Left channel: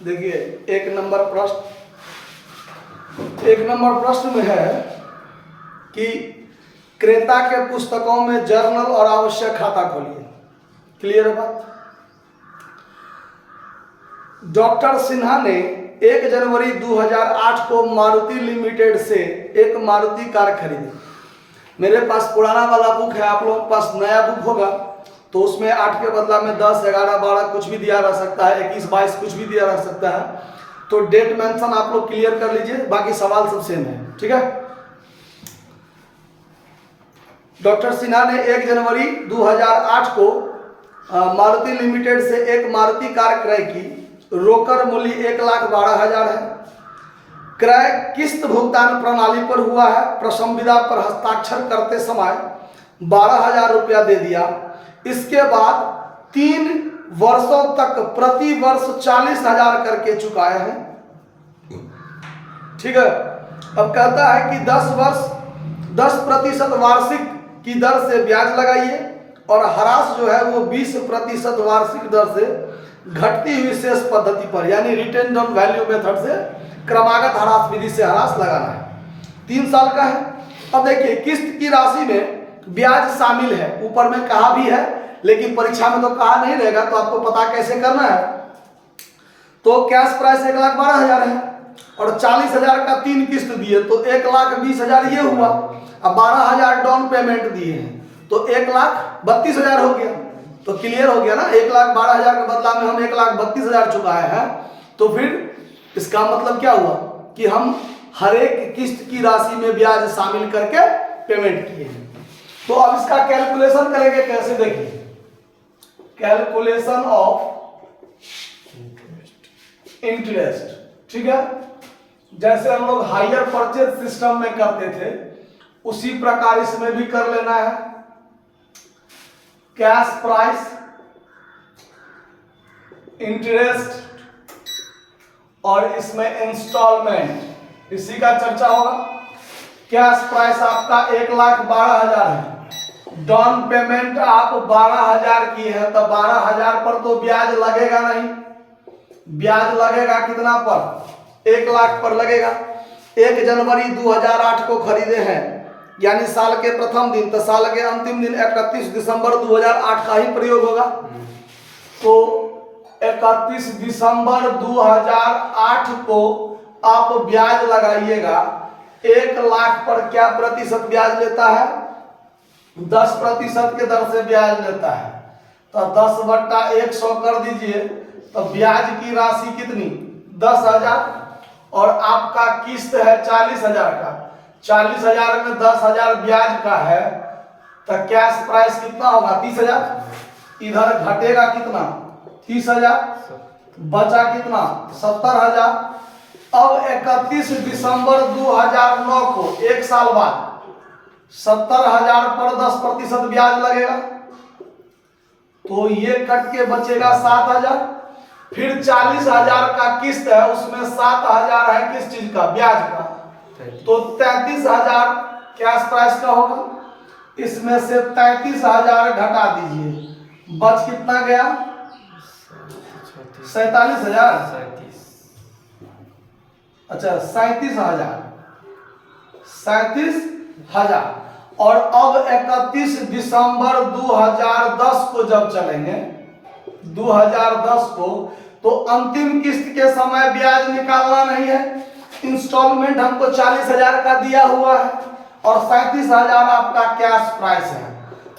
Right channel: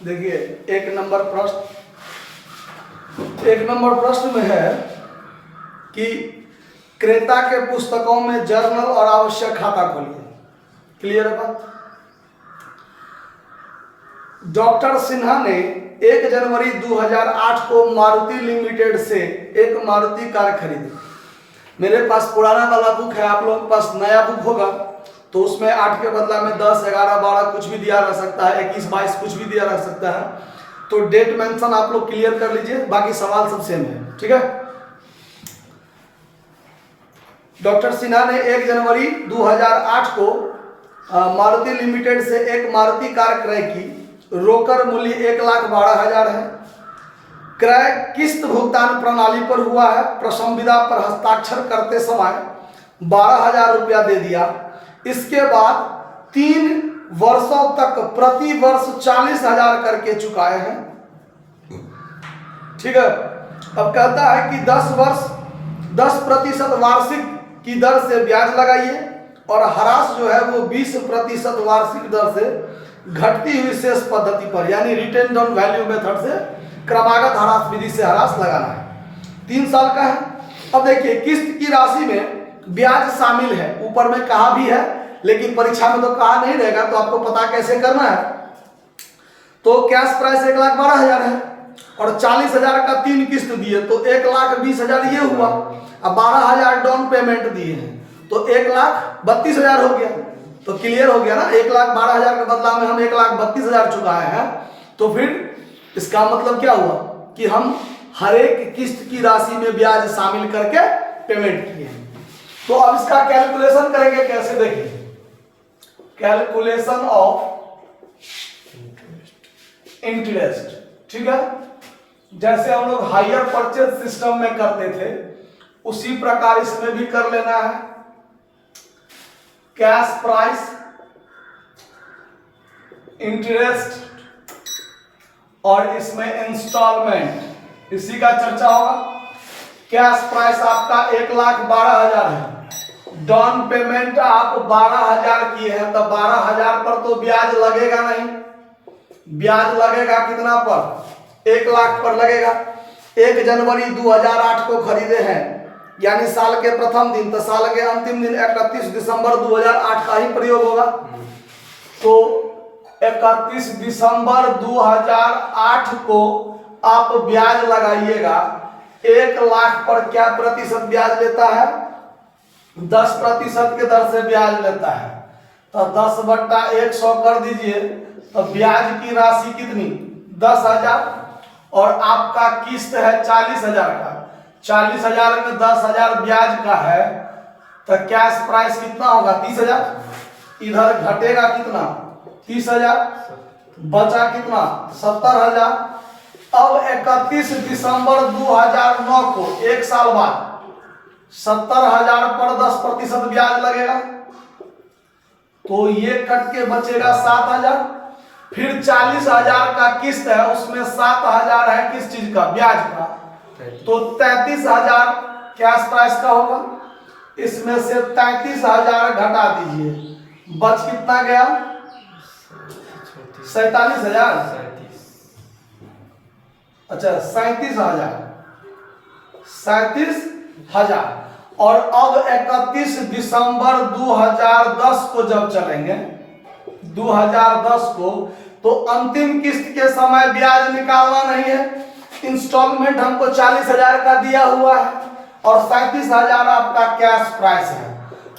देखिए एक नंबर प्रश्न में है कि क्रेता के पुस्तकों में जर्नल और आवश्यक खाता खोलिए। क्लियर है बात? डॉक्टर सिन्हा ने 1 जनवरी 2008 को मारुति लिमिटेड से एक मारुति कार खरीदी। मेरे पास पुराना वाला बुक है, आप लोगों के पास नया बुक होगा तो उसमें 8 के बदला में 10, 11, 12 कुछ भी दिया रह सकता है, 21, 22 कुछ भी दिया रह सकता है। तो डेट मेंशन आप लोग क्लियर कर लीजिए, बाकी सवाल सब सेम है। ठीक है। डॉक्टर सिन्हा ने 1 जनवरी 2008 को मारुति लिमिटेड से एक मारुति कार क्रय की। रोकड़ मूल्य 1,12,000 है। क्रय किस्त भुगतान प्रणाली पर हुआ है। प्रसंविदा पर हस्ताक्षर करते समय 12,000 रुपया दे दिया। इसके बाद 3 वर्षों तक प्रति वर्ष 40,000 करके चुकाए हैं। ठीक है। अब कहता है कि 10% वार्षिक की दर से ब्याज लगाइए और ह्रास जो है वो 20% वार्षिक दर से घटती हुई शेष पद्धति पर, यानी रिटेन डाउन वैल्यू मेथड से क्रमागत ह्रास विधि से ह्रास लगाना है। 3 साल का है। अब देखिए किस्त की राशि में ब्याज शामिल है, ऊपर में कहा भी है लेकिन परीक्षा में तो कहा नहीं रहेगा, तो आपको पता कैसे करना है। तो कैश प्राइस 1,12,000 है और 40,000 का 3 किस्त दिए तो 1,20,000 ये हुआ। अब 12,000 डाउन पेमेंट दिए हैं तो 1,32,000 हो गया। तो क्लियर हो गया ना, 1,12,000 के बदला में हम 1,32,000 चुकाए हैं। तो फिर इसका मतलब क्या हुआ कि हम हर एक किस्त की राशि में ब्याज शामिल करके पेमेंट किए हैं। तो अब इसका कैलकुलेशन करेंगे कैसे, देखिए कैलकुलेशन ऑफ इंटरेस्ट। ठीक है। जैसे हम लोग हायर परचेज सिस्टम में करते थे उसी प्रकार इसमें भी कर लेना है। कैश प्राइस, इंटरेस्ट और इसमें इंस्टॉलमेंट, इसी का चर्चा होगा। कैश प्राइस आपका 1,12,000 है। डाउन पेमेंट आप 12,000 किए हैं तो 12,000 पर तो ब्याज लगेगा नहीं। ब्याज लगेगा कितना पर? 1,00,000 पर लगेगा। 1 जनवरी 2008 को खरीदे हैं यानी साल के प्रथम दिन, तो साल के अंतिम दिन 31 दिसंबर 2008 का ही प्रयोग होगा। तो 31 दिसंबर 2008 को आप ब्याज लगाइएगा। 1,00,000 पर क्या प्रतिशत ब्याज लेता है? 10% के दर से ब्याज लेता है। तो 10/100 कर दीजिए तो ब्याज की राशि कितनी? 10,000 और आपका किस्त है 40,000 का। 40,000 में 10,000 ब्याज का है तो कैश प्राइस कितना होगा? 30,000। इधर घटेगा कितना? 30,000। बचा कितना? 70,000। अब 31 दिसंबर 2009 को, 1 साल बाद, 70,000 पर 10% ब्याज लगेगा तो ये कट के बचेगा 7,000। फिर 40,000 का किस्त है, उसमें 7,000 है किस चीज का? ब्याज का। तो 33,000 कैश प्राइस का होगा। इसमें से 33,000 घटा दीजिए, बच कितना गया? 47,000। अच्छा 37,000। 37,000। और अब 31 दिसंबर 2010 को जब चलेंगे, 2010 को, तो अंतिम किस्त के समय ब्याज निकालना नहीं है। इंस्टॉलमेंट हमको 40,000 का दिया हुआ है और 37,000 आपका कैश प्राइस है।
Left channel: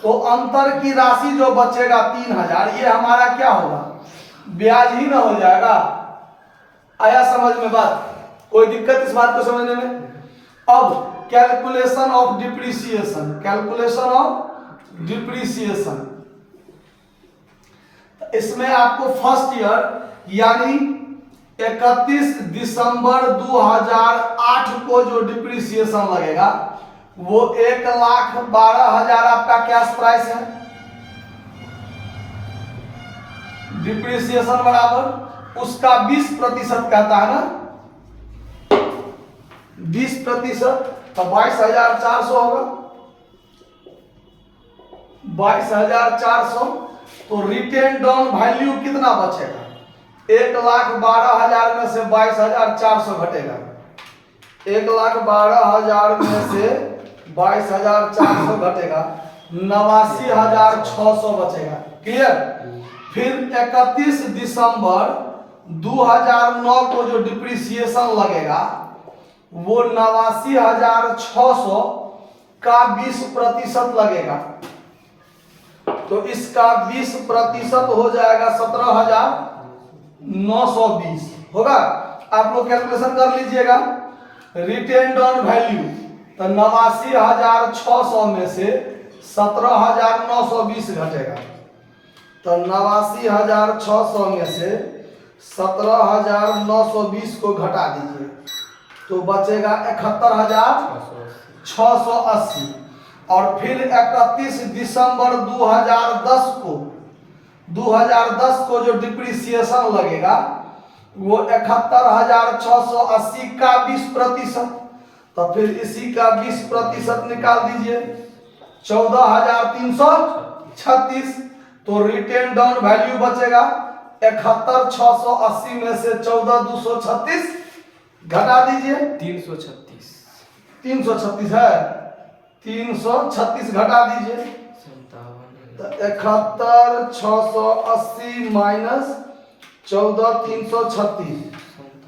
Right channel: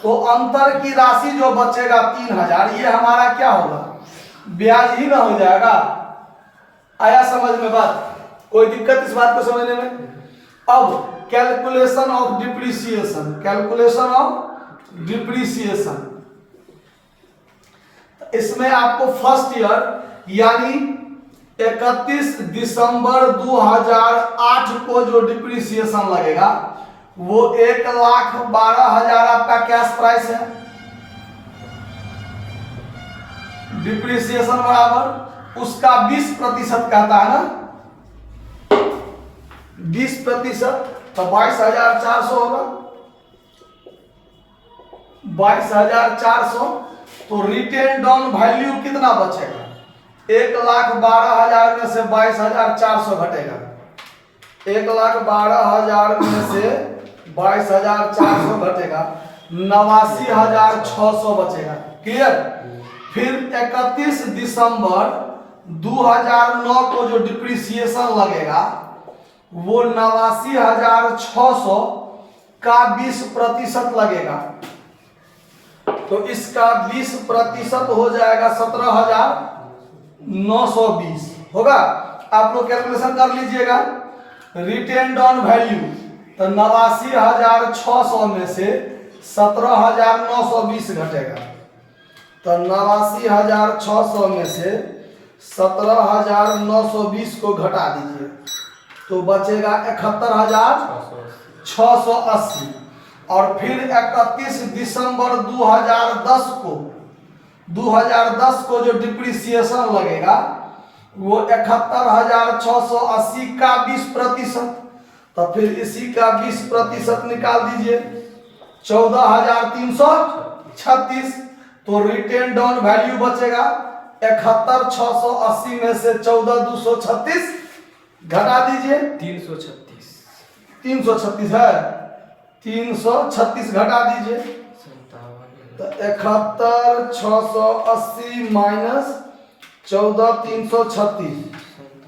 तो अंतर की राशि जो बचेगा 3,000, ये हमारा क्या होगा? ब्याज ही ना हो जाएगा। आया समझ में बात? कोई दिक्कत इस बात को समझने में? अब calculation of depreciation. Calculation of depreciation, इसमें आपको फर्स्ट ईयर यानी 31 दिसंबर 2008 को जो डिप्रिसिएशन लगेगा वो 1,12,000 आपका कैश प्राइस है। डिप्रिसिएशन बराबर उसका 20% कहता है ना, 20%, तो 22,400 होगा। 22,400। तो रिटेन डाउन वैल्यू कितना बचेगा? 1,12,000 में से 22,400 घटेगा। 1,12,000 में से 22,400 घटेगा, 89,600 बचेगा। क्लियर? फिर 31 दिसंबर 2009 को जो डिप्रिसिएशन लगेगा वो 89,600 का 20% लगेगा, तो इसका 20% हो जाएगा 17,920 होगा। आप लोग कैलकुलेशन कर लीजिएगा। रिटेन ऑन वैल्यू तो 89,600 में से 17,920 घटेगा, तो 89,600 में से 17,920 को घटा दीजिए तो बचेगा 71,680। और फिर 31 दिसंबर 2010 को जो डिप्रिसिएशन लगेगा वो 71,680 का 20%, तो फिर इसी का 20% निकाल दीजिए 14,336। तो रिटेन डाउन वैल्यू बचेगा 71,680 में से 14,236 घटा दीजिए 336 है, 336 घटा दीजिए तो 71,680 माइनस 14,336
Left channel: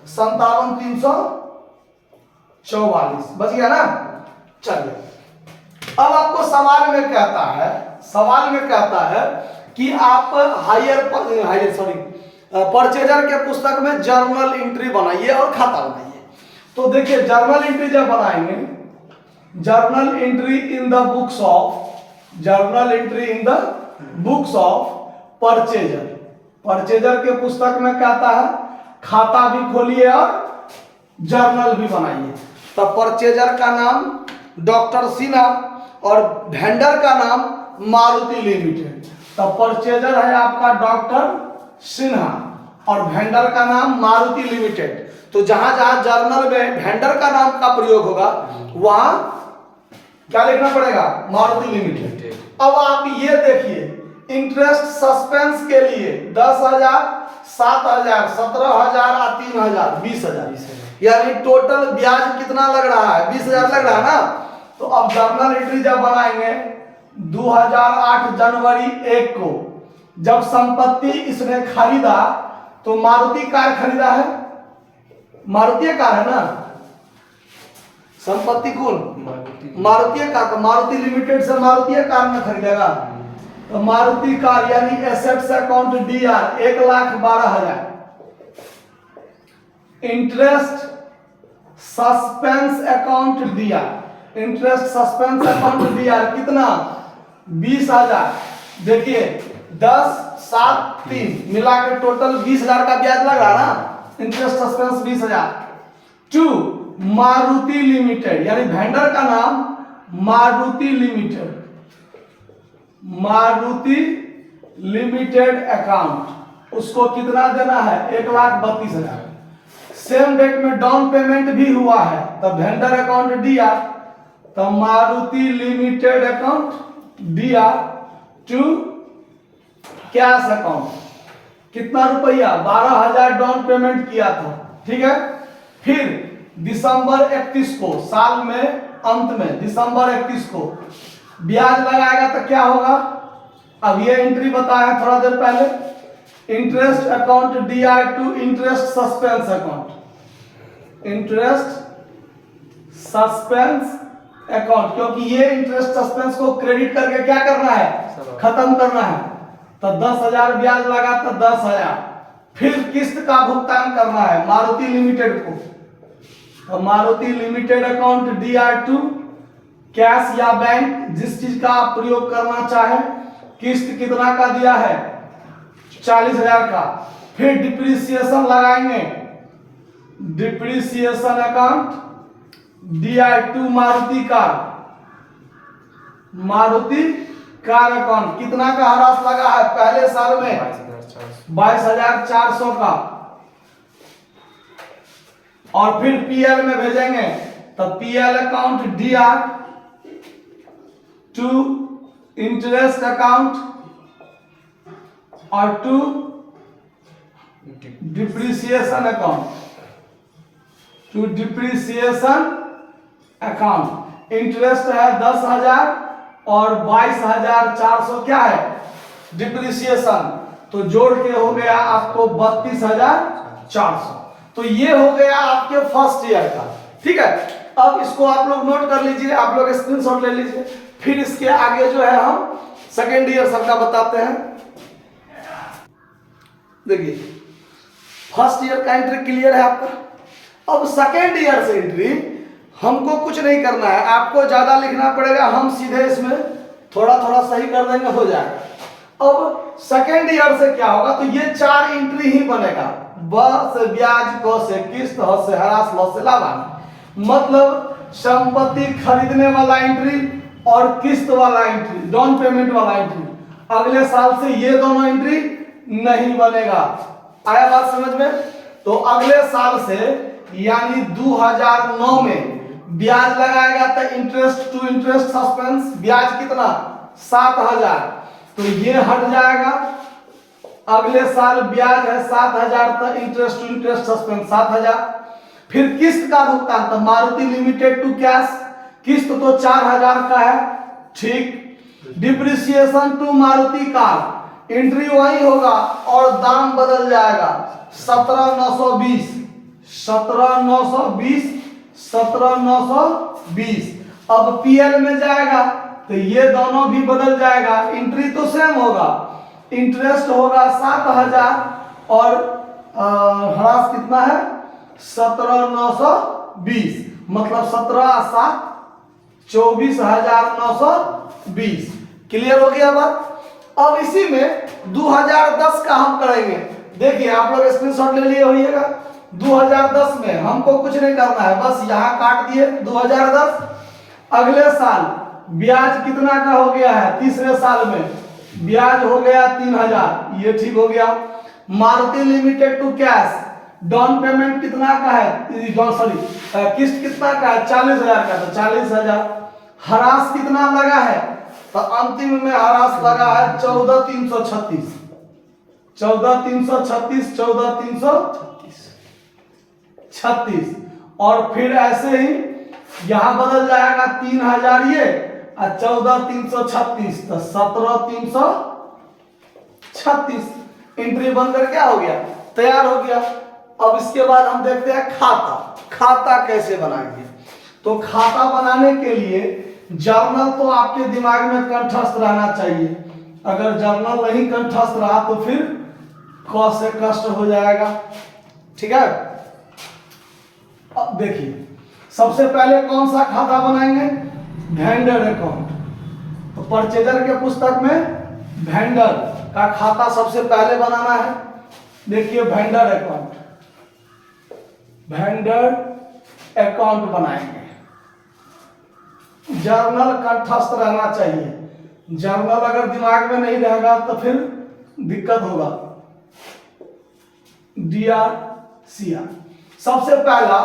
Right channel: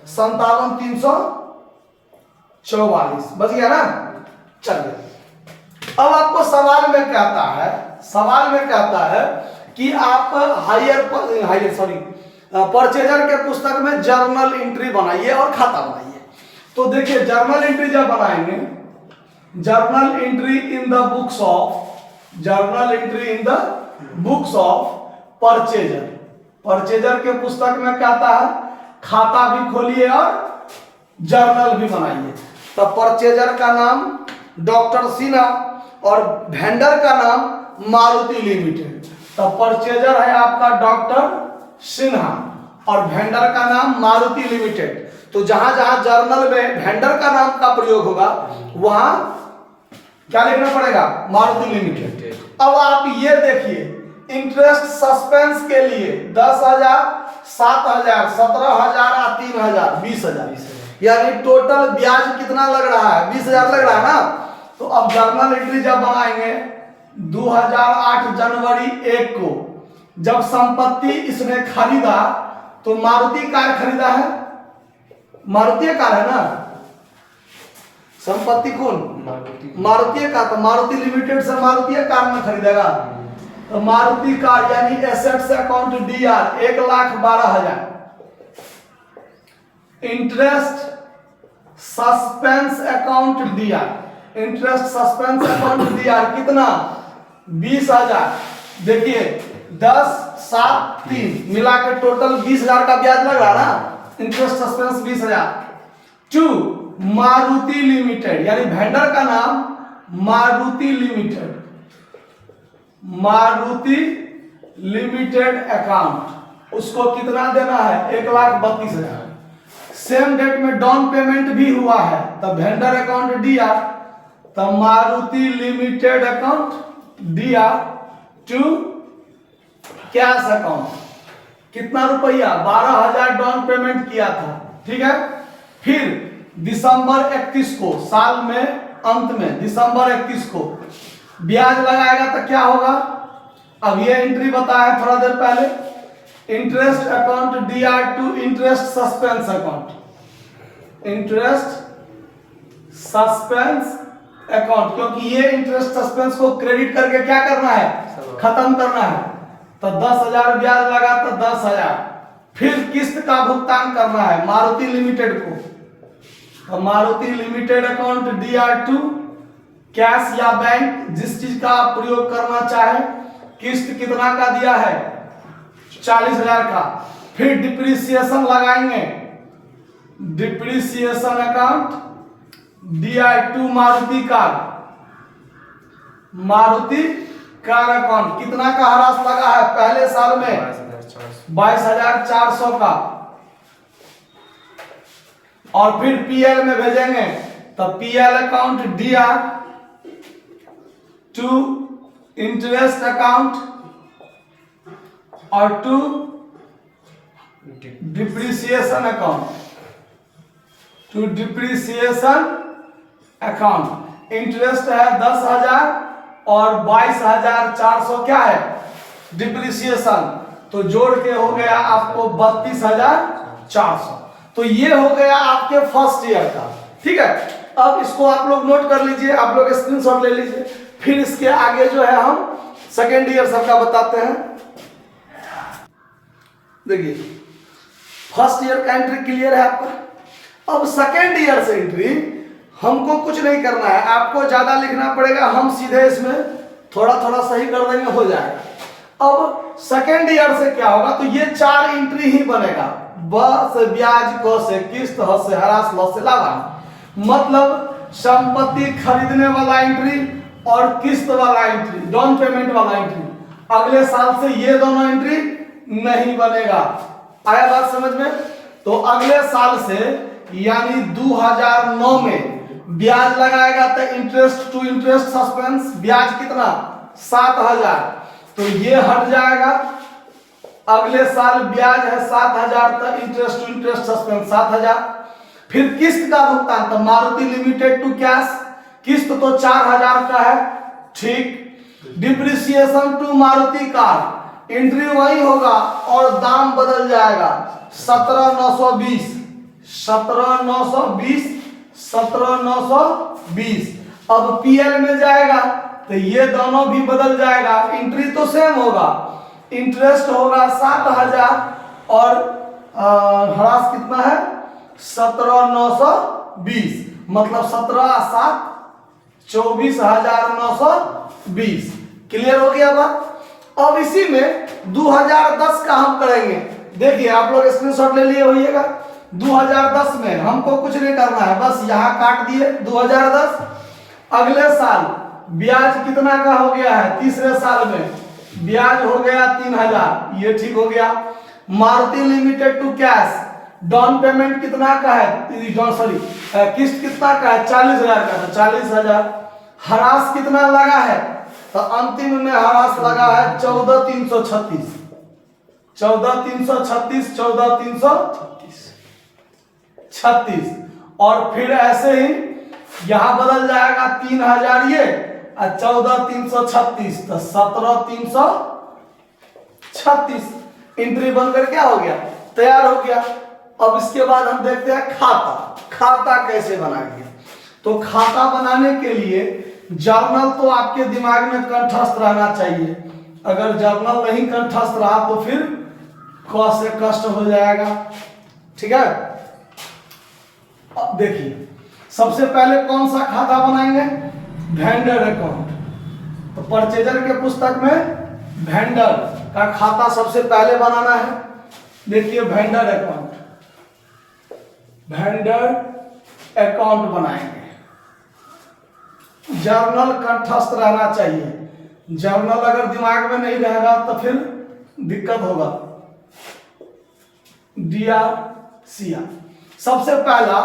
57,344 बच गया ना। चलिए अब आपको सवाल में कहता है कि आप परचेजर के पुस्तक में जर्नल एंट्री बनाइए और खाता बनाइए। तो देखिए जर्नल एंट्री जब बनाएंगे, journal entry in the books of purchaser, purchaser के पुस्तक में कहता है खाता भी खोलिए और जर्नल भी बनाइए। तो परचेजर का नाम डॉक्टर सिन्हा और वेंडर का नाम मारुति लिमिटेड। तो परचेजर है आपका डॉक्टर सिन्हा और वेंडर का नाम मारुति लिमिटेड। तो जहां जहां जर्नल में वेंडर का नाम का प्रयोग होगा वहां क्या लिखना पड़ेगा? मारुति लिमिटेड। अब आप ये देखिए इंटरेस्ट सस्पेंस के लिए 10,000, 7,000, 17,000 और 3,000 20,000, यानी टोटल ब्याज कितना लग रहा है? 20,000 लग रहा है ना। तो अब जर्नल एंट्री जब बनाएंगे 2008 जनवरी 1 को जब संपत्ति इसने खरीदा तो मारुति कार खरीदा है, मारुति कार है ना, संपत्ति कौन? मारुति कार। तो मारुति लिमिटेड से मारुति कार में खरीदेगा तो मारुति कार यानी assets account DR 1,12,000। Interest suspense account DR, interest suspense account DR कितना? 20,000। देखिए 10, 7, 3 मिला के टोटल 20,000 का ब्याज लग रहा ना। Interest suspense 20,000। 2 मारुति लिमिटेड यानी वेंडर का नाम Maruti limited, Maruti limited account, उसको कितना देना है? 1,32,000। सेम डेट में डाउन पेमेंट भी हुआ है तो वेंडर अकाउंट DR, तो Maruti limited account DR to cash account कितना रुपया? 12,000 डाउन पेमेंट किया था, ठीक है। फिर दिसंबर 31 को साल में अंत में दिसंबर 31 को ब्याज लगाएगा तो क्या होगा? अब ये एंट्री बताया थोड़ा देर पहले, interest account DR to interest suspense account, interest suspense account, क्योंकि ये इंटरेस्ट सस्पेंस को क्रेडिट करके क्या करना है? खत्म करना है। तो 10,000 ब्याज लगा तो 10,000। फिर किस्त का भुगतान करना है मारुति लिमिटेड को, तो Maruti limited account DR to cash या बैंक जिस चीज का आप प्रयोग करना चाहे। किस्त कितना का दिया है? 40,000 का। फिर डिप्रिसिएशन लगाएंगे, depreciation account DR to Maruti car, Maruti car account कितना का ह्रास लगा है पहले साल में? 22,400 का। और फिर PL में भेजेंगे तो PL account DR to interest account और to depreciation account, to depreciation account. Interest है 10,000 और 22,400 क्या है डिप्रिसिएशन, तो जोड़ के हो गया आपको 32,400। तो ये हो गया आपके फर्स्ट ईयर का। ठीक है, अब इसको आप लोग नोट कर लीजिए, आप लोग स्क्रीनशॉट ले लीजिए। फिर इसके आगे जो है हम सेकेंड ईयर सबका बताते हैं। देखिए फर्स्ट ईयर का एंट्री क्लियर है आपका। अब सेकेंड ईयर से एंट्री हमको कुछ नहीं करना है, आपको ज्यादा लिखना पड़ेगा, हम सीधे इसमें थोड़ा थोड़ा सही कर देंगे, हो जाएगा। अब सेकेंड ईयर से क्या होगा, तो ये 4 एंट्री ही बनेगा, ब से ब्याज, क से किस्त, ह से हरास, ल से लाभांश। मतलब संपत्ति खरीदने वाला एंट्री और किस्त वाला एंट्री, डाउन पेमेंट वाला एंट्री, अगले साल से ये दोनों एंट्री नहीं बनेगा। आया बात समझ में? तो अगले साल से यानी 2009 में ब्याज लगाएगा तो इंटरेस्ट टू इंटरेस्ट सस्पेंस, ब्याज कितना 7,000, तो ये हट जाएगा। अगले साल ब्याज है 7,000 तो इंटरेस्ट टू इंटरेस्ट सस्पेंस 7,000। फिर किस्त का भुगतान, तो मारुति लिमिटेड टू कैश, किस्त तो 4,000 का है, ठीक। Depreciation to Maruti car, entry वही होगा और दाम बदल जाएगा, 17,920, 17,920, 17,920। अब पीएल में जाएगा तो ये दोनों भी बदल जाएगा, एंट्री तो सेम होगा, इंटरेस्ट होगा 7,000 और ह्रास कितना है 17,920, मतलब 17,7 24,920। क्लियर हो गया बात? अब इसी में 2010 का हम करेंगे। देखिए आप लोग स्क्रीनशॉट ले लिए होइएगा। 2010 में हमको कुछ नहीं करना है, बस यहाँ काट दिए 2010। अगले साल ब्याज कितना का हो गया है, तीसरे साल में ब्याज हो गया 3,000, ये ठीक हो गया। Maruti limited to cash, down payment कितना का है, सॉरी किस्त कितना का है 40,000 का, तो 40,000। हरास कितना लगा है, तो अंतिम में हरास लगा है 14,336, 14,336, 14,336। और फिर ऐसे ही यहां बदल जाएगा 3,000 ये और 14,336, तो 17,336 एंट्री बनकर क्या हो गया, तैयार हो गया। अब इसके बाद हम देखते हैं खाता, खाता कैसे बनाएंगे। तो खाता बनाने के लिए जर्नल तो आपके दिमाग में कंठस्थ रहना चाहिए, अगर जर्नल नहीं कंठस्थ रहा तो फिर क से कष्ट हो जाएगा। ठीक है, अब देखिए सबसे पहले कौन सा खाता बनाएंगे, वेंडर अकाउंट। तो परचेजर के पुस्तक में वेंडर का खाता सबसे पहले बनाना है। देखिए वेंडर अकाउंट, वेंडर अकाउंट बनाएंगे। जर्नल कंठस्थ रहना चाहिए, जर्नल अगर दिमाग में नहीं रहेगा तो फिर दिक्कत होगा। DRCR सबसे पहला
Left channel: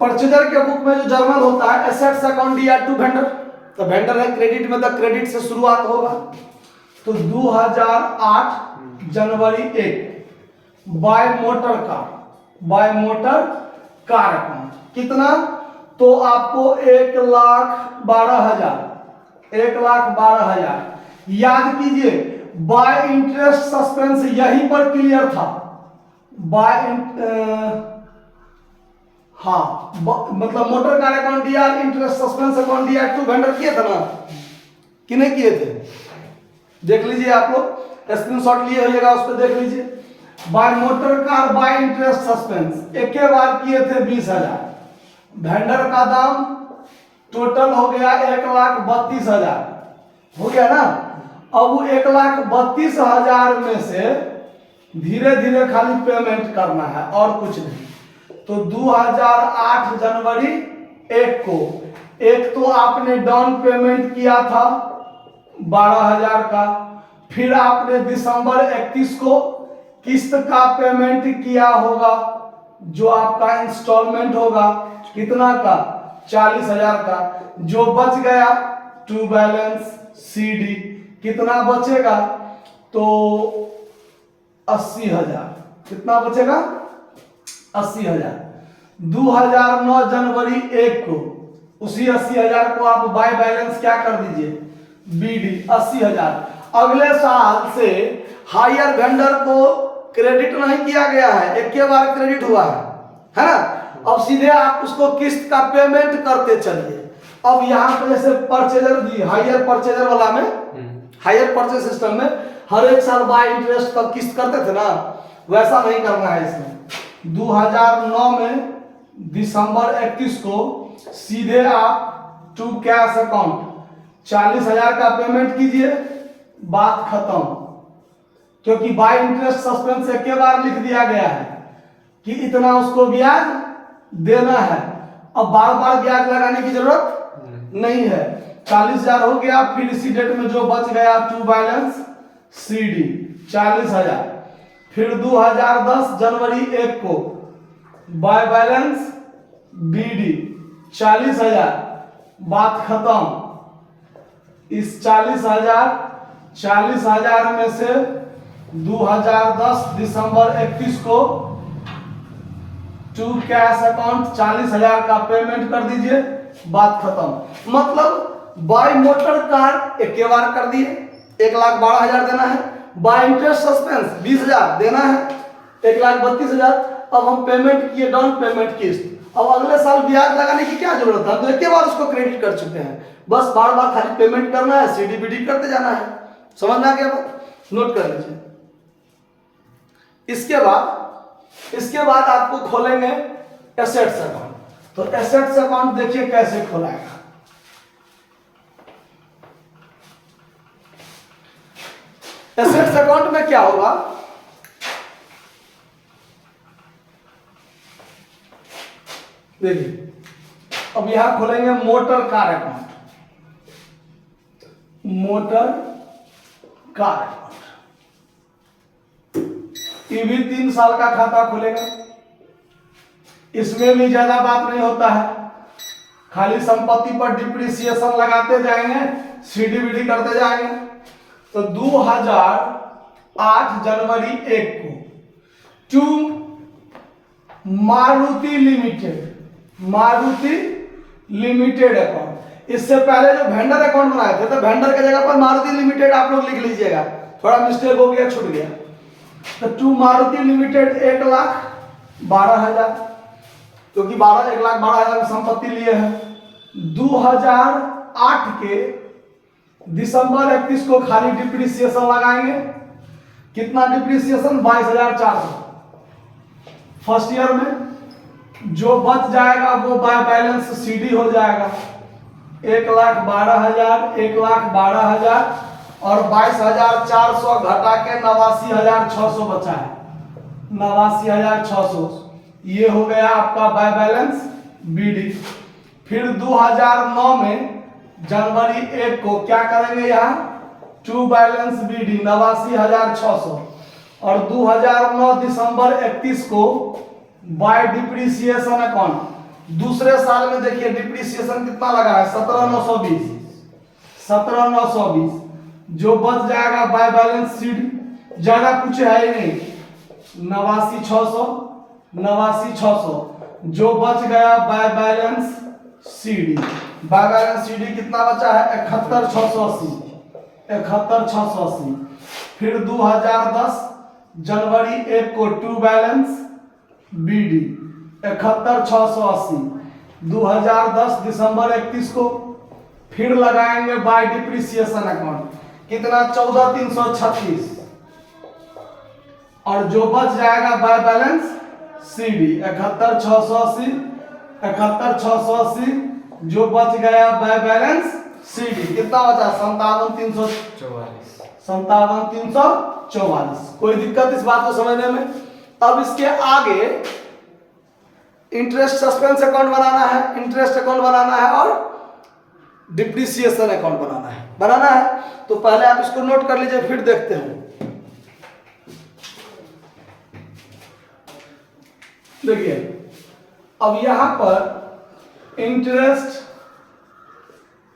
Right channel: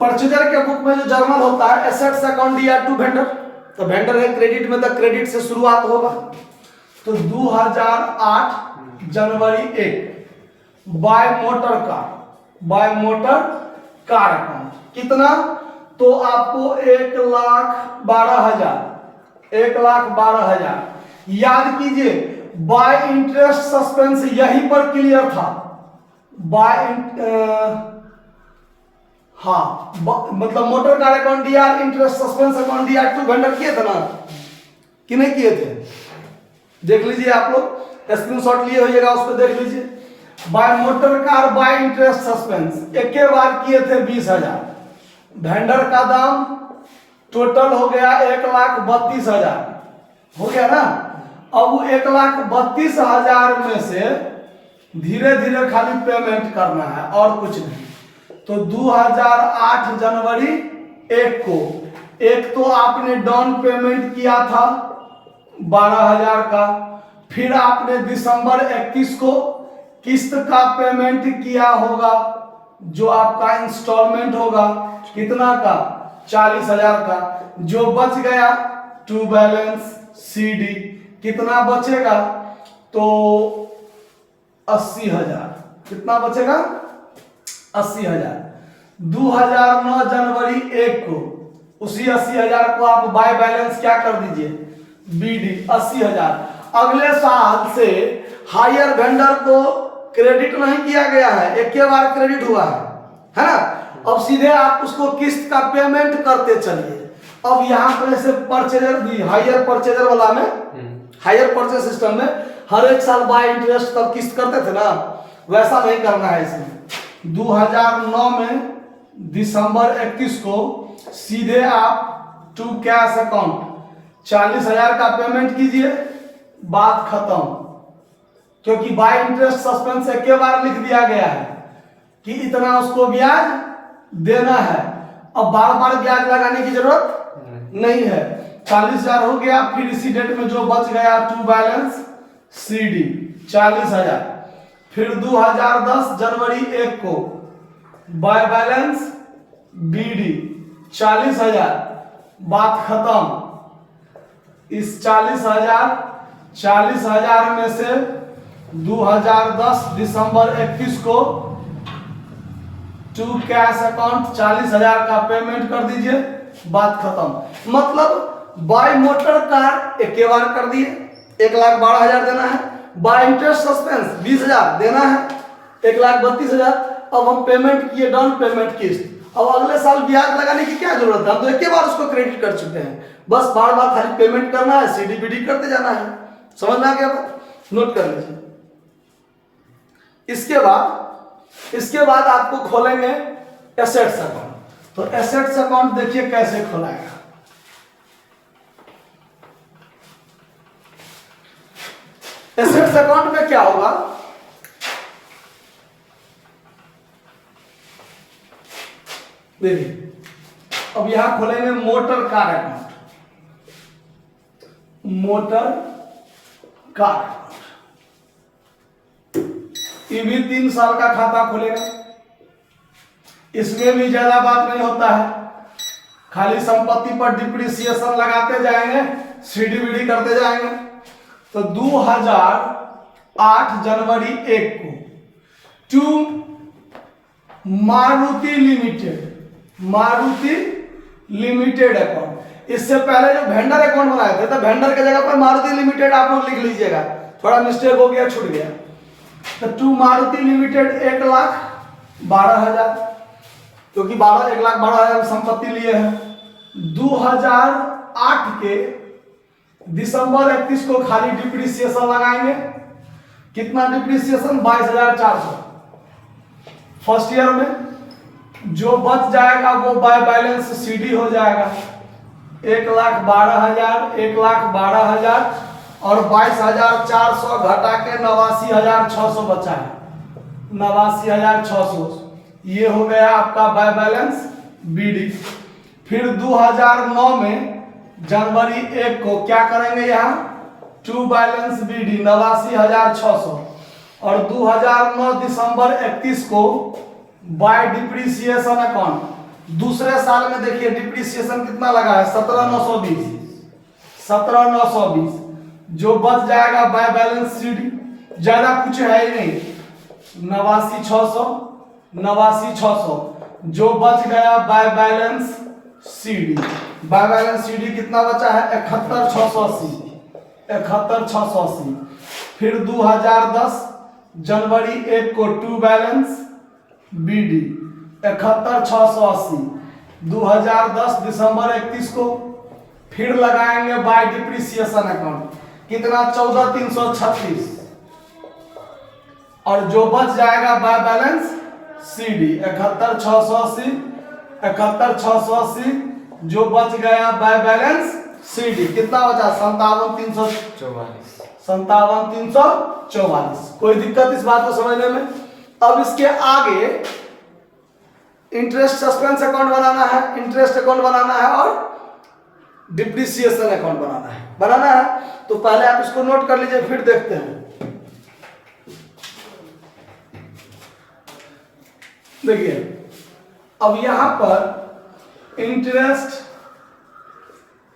परचेजर के बुक में जो जर्नल होता है, assets account DR to vendor, तो वेंडर है क्रेडिट में, तो क्रेडिट से शुरुआत होगा। तो 2008 जनवरी 1 by motor car, by motor car account कितना, तो आपको 1,12,000, 1,12,000 याद कीजिए। बाय इंटरेस्ट सस्पेंस यहीं पर क्लियर था, बाय हाँ मतलब motor car account DR, interest suspense account DR to vendor किए थे ना कि नहीं किए थे, देख लीजिए आप लोग, स्क्रीनशॉट लिए होइएगा, उस पर देख लीजिए। By motor car by interest suspense एक के बार किए थे 20,000, वेंडर का दाम टोटल हो गया 1,32,000 हो गया ना। अब 1,32,000 में से धीरे धीरे खाली पेमेंट करना है और कुछ नहीं। तो 2008 जनवरी 1 को एक तो आपने डाउन पेमेंट किया था 12,000 का, फिर आपने दिसंबर 31 को किस्त का पेमेंट किया होगा, जो आपका इंस्टॉलमेंट होगा कितना का 40,000 का। जो बच गया टू बैलेंस CD कितना बचेगा, तो 80,000। कितना बचेगा? 80,000। 2009 जनवरी 1 को उसी 80,000 को आप बाय बैलेंस क्या कर दीजिए? बीडी 80,000। अगले साल से हायर वेंडर को क्रेडिट नहीं किया गया है, एक के बार क्रेडिट हुआ है ना। अब सीधे आप उसको किस्त का पेमेंट करते चलिए। अब यहाँ पर ऐसे परचेजर भी हायर परचेजर वाला में, हायर परचेज सिस्टम में हर एक साल बाय इंटरेस्ट तब किस्त करते थे ना, वैसा नहीं करना है इसमें। 2009 में दिसंबर 31 को सीधे आप टू कैश अकाउंट 40,000 का पेमेंट कीजिए, बात खत्म। क्योंकि बाय इंटरेस्ट सस्पेंस एक के बार लिख दिया गया है कि इतना उसको ब्याज देना है। अब बार बार ब्याज लगाने की जरूरत नहीं है। 40,000 हो गया। फिर इसी डेट में जो बच गया टू बैलेंस सीडी 40,000। फिर 2010 जनवरी 1 को बाय बैलेंस बीडी 40,000, बात खत्म। इस 40,000 में से 2010 दिसंबर 31 को टू कैश अकाउंट 40,000 का पेमेंट कर दीजिए, बात खत्म। मतलब बाय मोटर कार एक के बार कर दिए, 1,12,000 देना है। बाय इंटरेस्ट सस्पेंस 20,000 देना है, 1,32,000। अब हम पेमेंट किए, डाउन पेमेंट किस्त। अब अगले साल ब्याज लगाने की क्या जरूरत है? हम तो एक के बार उसको क्रेडिट कर चुके हैं, बस बार बार खाली पेमेंट करना है, सीडी बीडी करते जाना है। समझ में आ गया? नोट कर लीजिए। इसके बाद आपको खोलेंगे एसेट्स अकाउंट। तो एसेट्स अकाउंट देखिए कैसे खोलाएगा। एसेट्स अकाउंट में क्या होगा? देखिए, अब यहां खोलेंगे motor car account. Motor car account ये भी 3 साल का खाता खुलेगा। इसमें भी ज्यादा बात नहीं होता है, खाली संपत्ति पर डिप्रिसिएशन लगाते जाएंगे, सीडी बीडी करते जाएंगे। तो 2008 जनवरी 1 को टू मारुति लिमिटेड अकाउंट। इससे पहले जो वेंडर अकाउंट बनाए थे तो वेंडर के जगह पर मारुति लिमिटेड आप लोग लिख लीजिएगा, थोड़ा मिस्टेक हो गया, छूट गया। तो टू मारुति लिमिटेड 1,12,000, क्योंकि 1,12,000 संपत्ति लिए हैं। 2008 के दिसंबर 31 को खाली डिप्रिसिएशन लगाएंगे। कितना डिप्रिसिएशन? 22,400। फर्स्ट ईयर में जो बच जाएगा वो बाय बैलेंस सीडी हो जाएगा। 1,12,000, 1,12,000 और 22,400 घटा के 89,600 बचा है। 89,600 ये हो गया आपका बाय बैलेंस बीडी। फिर 2009 में जनवरी 1 को क्या करेंगे? यहाँ टू बैलेंस बीडी 89,600 और 2009 दिसंबर 31 को बाय डिप्रिसिएशन अकाउंट। दूसरे साल में देखिए डिप्रिसिएशन कितना लगा है? 17,920। जो बच जाएगा बाय बैलेंस सीडी, ज्यादा कुछ है ही नहीं, 89,600 जो बच गया by balance CD. By balance CD कितना बचा है? 71,680। फिर 2010 जनवरी 1 को टू बैलेंस बीडी 71,680। 2010 दिसंबर 31 को फिर लगाएंगे बाय डिप्रिसिएशन अकाउंट। कितना? 14,336 और जो बच जाएगा बाय बैलेंस सीडी 71,680 जो बच गया बाय बैलेंस सीडी। कितना बचा? 57,344। कोई दिक्कत इस बात को समझने में? अब इसके आगे इंटरेस्ट सस्पेंस अकाउंट बनाना है, इंटरेस्ट अकाउंट बनाना है और डिप्रिसिएशन अकाउंट बनाना है। तो पहले आप इसको नोट कर लीजिए, फिर देखते हैं। देखिए, अब यहां पर इंटरेस्ट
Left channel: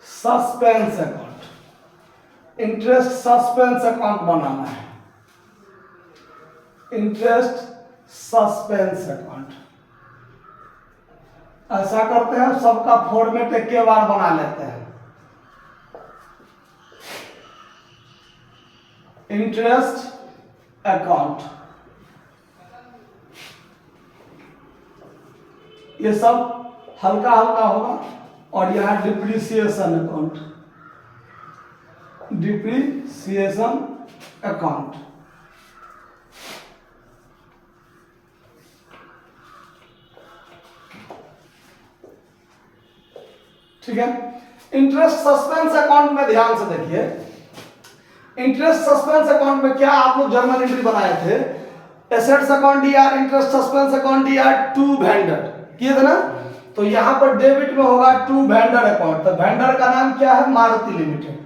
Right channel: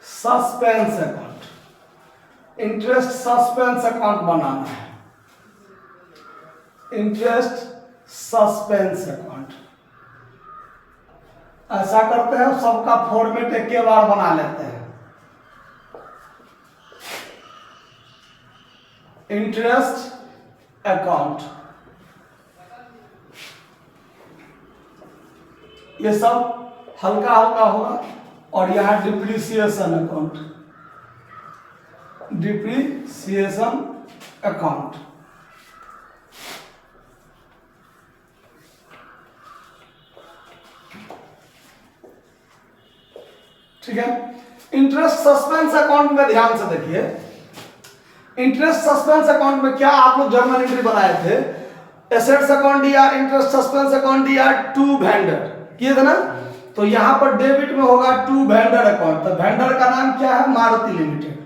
सस्पेंस अकाउंट बनाना है। Interest suspense account. ऐसा करते हैं, सबका फॉर्मेट एक के बार बना लेते हैं। इंटरेस्ट अकाउंट, ये सब हल्का हल्का होगा। और यहां डिप्रिसिएशन अकाउंट, डिप्रिसिएशन अकाउंट। ठीक है। इंटरेस्ट सस्पेंस अकाउंट में ध्यान से देखिए, इंटरेस्ट सस्पेंस अकाउंट में क्या आप लोग जर्नल एंट्री बनाए थे, assets account DR, interest suspense account DR to vendor किए थे ना। तो यहां पर डेबिट में होगा टू वेंडर अकाउंट। तो वेंडर का नाम क्या है, Maruti limited,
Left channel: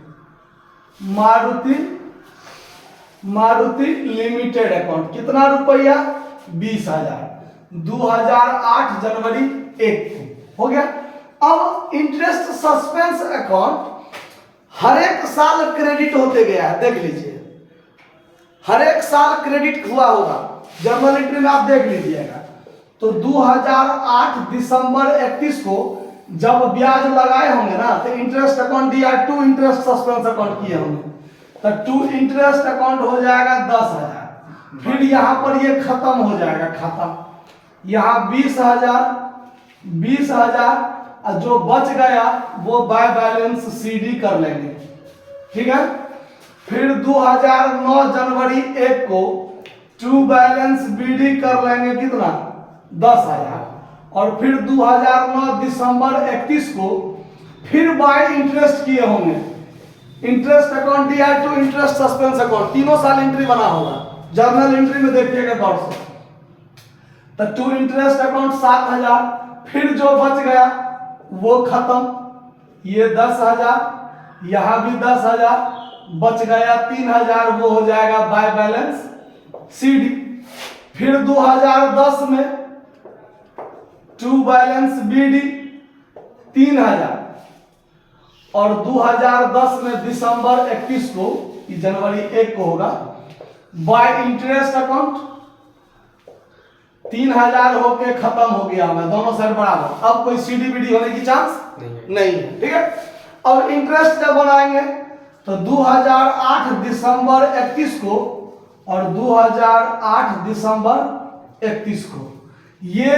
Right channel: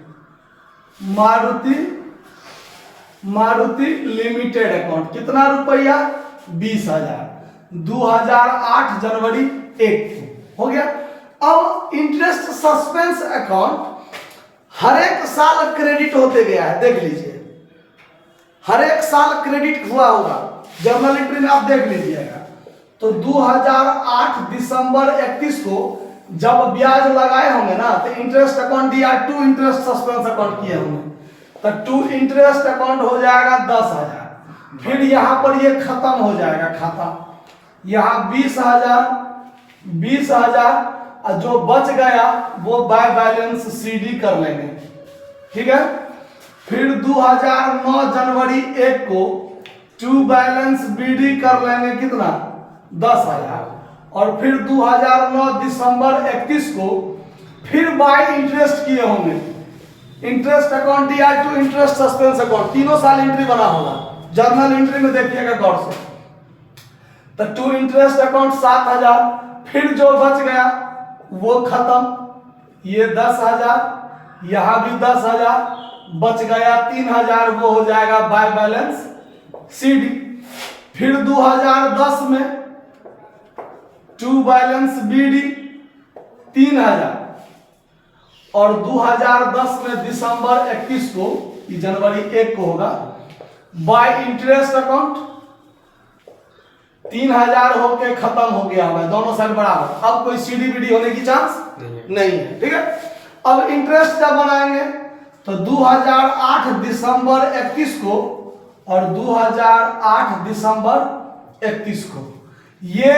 Maruti limited account. कितना रुपया, 20,000, 2008 जनवरी 1 हो गया। अब इंटरेस्ट सस्पेंस अकाउंट हर एक साल क्रेडिट होते गया है, देख लीजिए, हर एक साल क्रेडिट हुआ होगा, जर्नल एंट्री में आप देख लीजिएगा। तो 2008 दिसंबर 31 को जब ब्याज लगाए होंगे ना, तो इंटरेस्ट अकाउंट दिया, टू इंटरेस्ट सस्पेंस अकाउंट किए होंगे, तो टू इंटरेस्ट अकाउंट हो जाएगा 10,000। फिर यहां पर ये खत्म हो जाएगा खाता, यहां 20,000 जो बच गया वो बाय बैलेंस सीडी कर लेंगे। ठीक है। फिर 2009 जनवरी 1 को टू बैलेंस बीडी कर लेंगे, कितना, 10,000। और फिर 2009 दिसंबर 31 को फिर बाय इंटरेस्ट किए होंगे, इंटरेस्ट अकाउंट दिया टू इंटरेस्ट सस्पेंस अकाउंट, तीनों साल एंट्री बना होगा, जर्नल एंट्री में देखिएगा गौर से। तो टू इंटरेस्ट अकाउंट 7,000, फिर जो बच गया वो खत्म, ये 10,000, यहां भी 10,000 बच गया, 3,000 वो हो जाएगा बाय बैलेंस सीडी। फिर 2010 में टू बैलेंस बीडी 3,000, और 2010 में दिसंबर 31 को, जनवरी 1 को होगा बाय इंटरेस्ट अकाउंट 3,000 होके खत्म हो गया है, दोनों साइड बराबर। अब कोई सीडी बीडी होने की चांस नहीं है। ठीक है। अब इंटरेस्ट जब बनाएंगे तो 2008 दिसंबर 31 को और 2008 दिसंबर 31 को, ये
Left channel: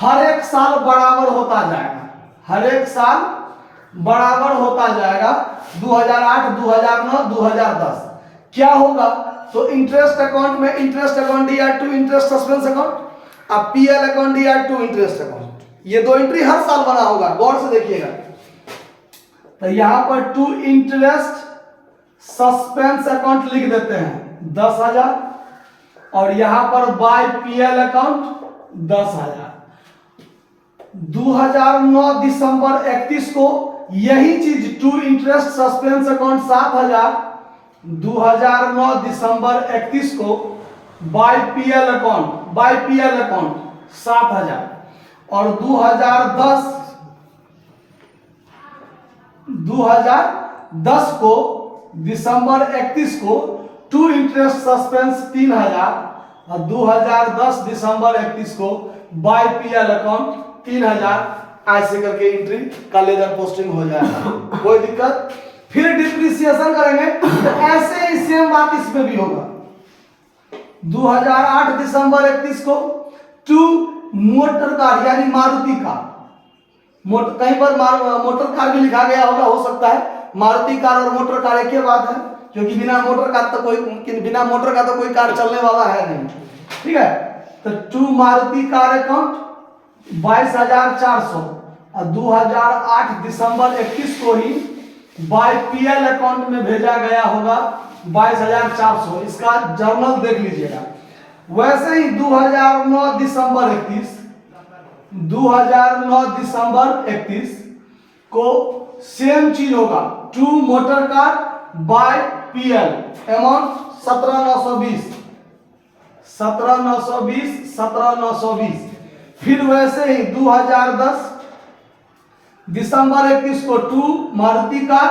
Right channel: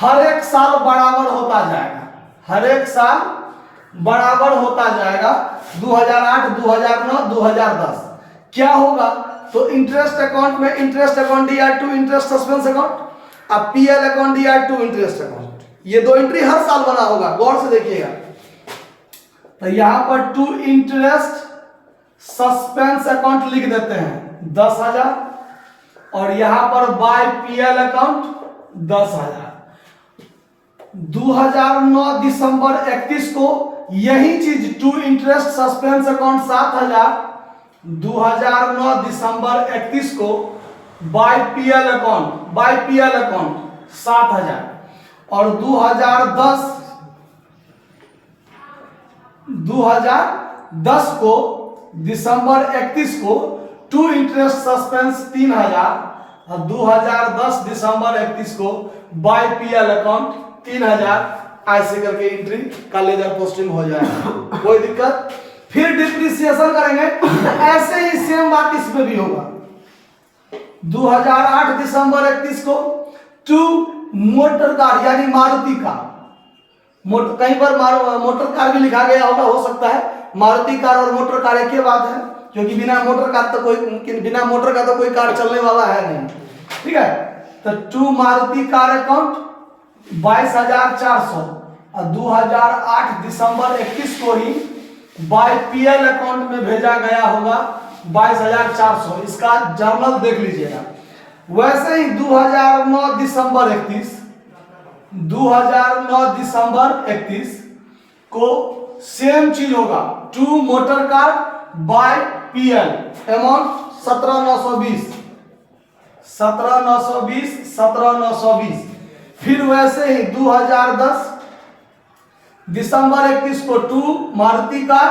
हर एक साल बराबर होता जाएगा, हर एक साल बराबर होता जाएगा। 2008, 2009, 2010 क्या होगा, तो इंटरेस्ट अकाउंट में इंटरेस्ट अकाउंट दिया टू इंटरेस्ट सस्पेंस अकाउंट, अब पीएल अकाउंट दिया टू इंटरेस्ट अकाउंट, ये दो एंट्री हर साल बना होगा, गौर से देखिएगा। तो यहां पर टू इंटरेस्ट सस्पेंस अकाउंट लिख देते हैं 10,000, और यहां पर बाय पीएल अकाउंट 10,000। 2009 दिसंबर 31 को यही चीज टू इंटरेस्ट सस्पेंस अकाउंट 7,000, 2009 दिसंबर 31 को बाय पीएल अकाउंट 7,000, और 2010 को दिसंबर 31 को टू इंटरेस्ट सस्पेंस 3,000, और 2010 दिसंबर 31 को बाय पीएल अकाउंट 3,000। ऐसे करके एंट्री का लेजर पोस्टिंग हो जाएगा, कोई दिक्कत। फिर डिप्रिसिएशन करेंगे तो ऐसे ही सेम बात इसमें भी होगा। 2008 दिसंबर 31 को टू मोटर कार यानी मारुति कार, कहीं पर मोटर कार भी लिखा गया होगा, हो सकता है मारुति कार और मोटर कार एक ही बात है, क्योंकि बिना मोटर का तो कोई कार चलने वाला है नहीं। ठीक है। तो टू मारुति कार अकाउंट 22,400, और 2008 दिसंबर 31 को ही बाय पीएल अकाउंट में भेजा गया होगा 22,400। इसका जर्नल देख लीजिएगा। वैसे ही 2009 दिसंबर 31 को सेम चीज होगा, to motor car by PL amount 17,920। फिर वैसे ही 2010 दिसंबर 31 को टू मारुति कार,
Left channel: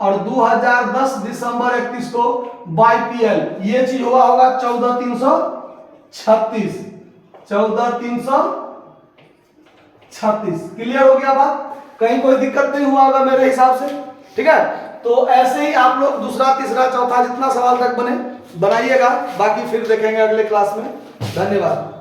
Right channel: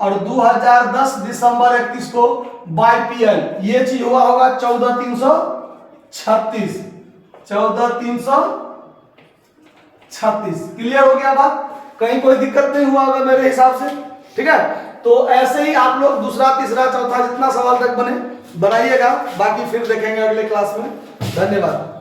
और 2010 दिसंबर 31 को बाय पीएल, ये चीज हुआ होगा 14,300 36, 14,336। क्लियर हो गया बात? कहीं कोई दिक्कत नहीं हुआ होगा मेरे हिसाब से, ठीक है। तो ऐसे ही आप लोग दूसरा तीसरा चौथा जितना सवाल तक बने बनाइएगा, बाकी फिर देखेंगे अगले क्लास में। धन्यवाद।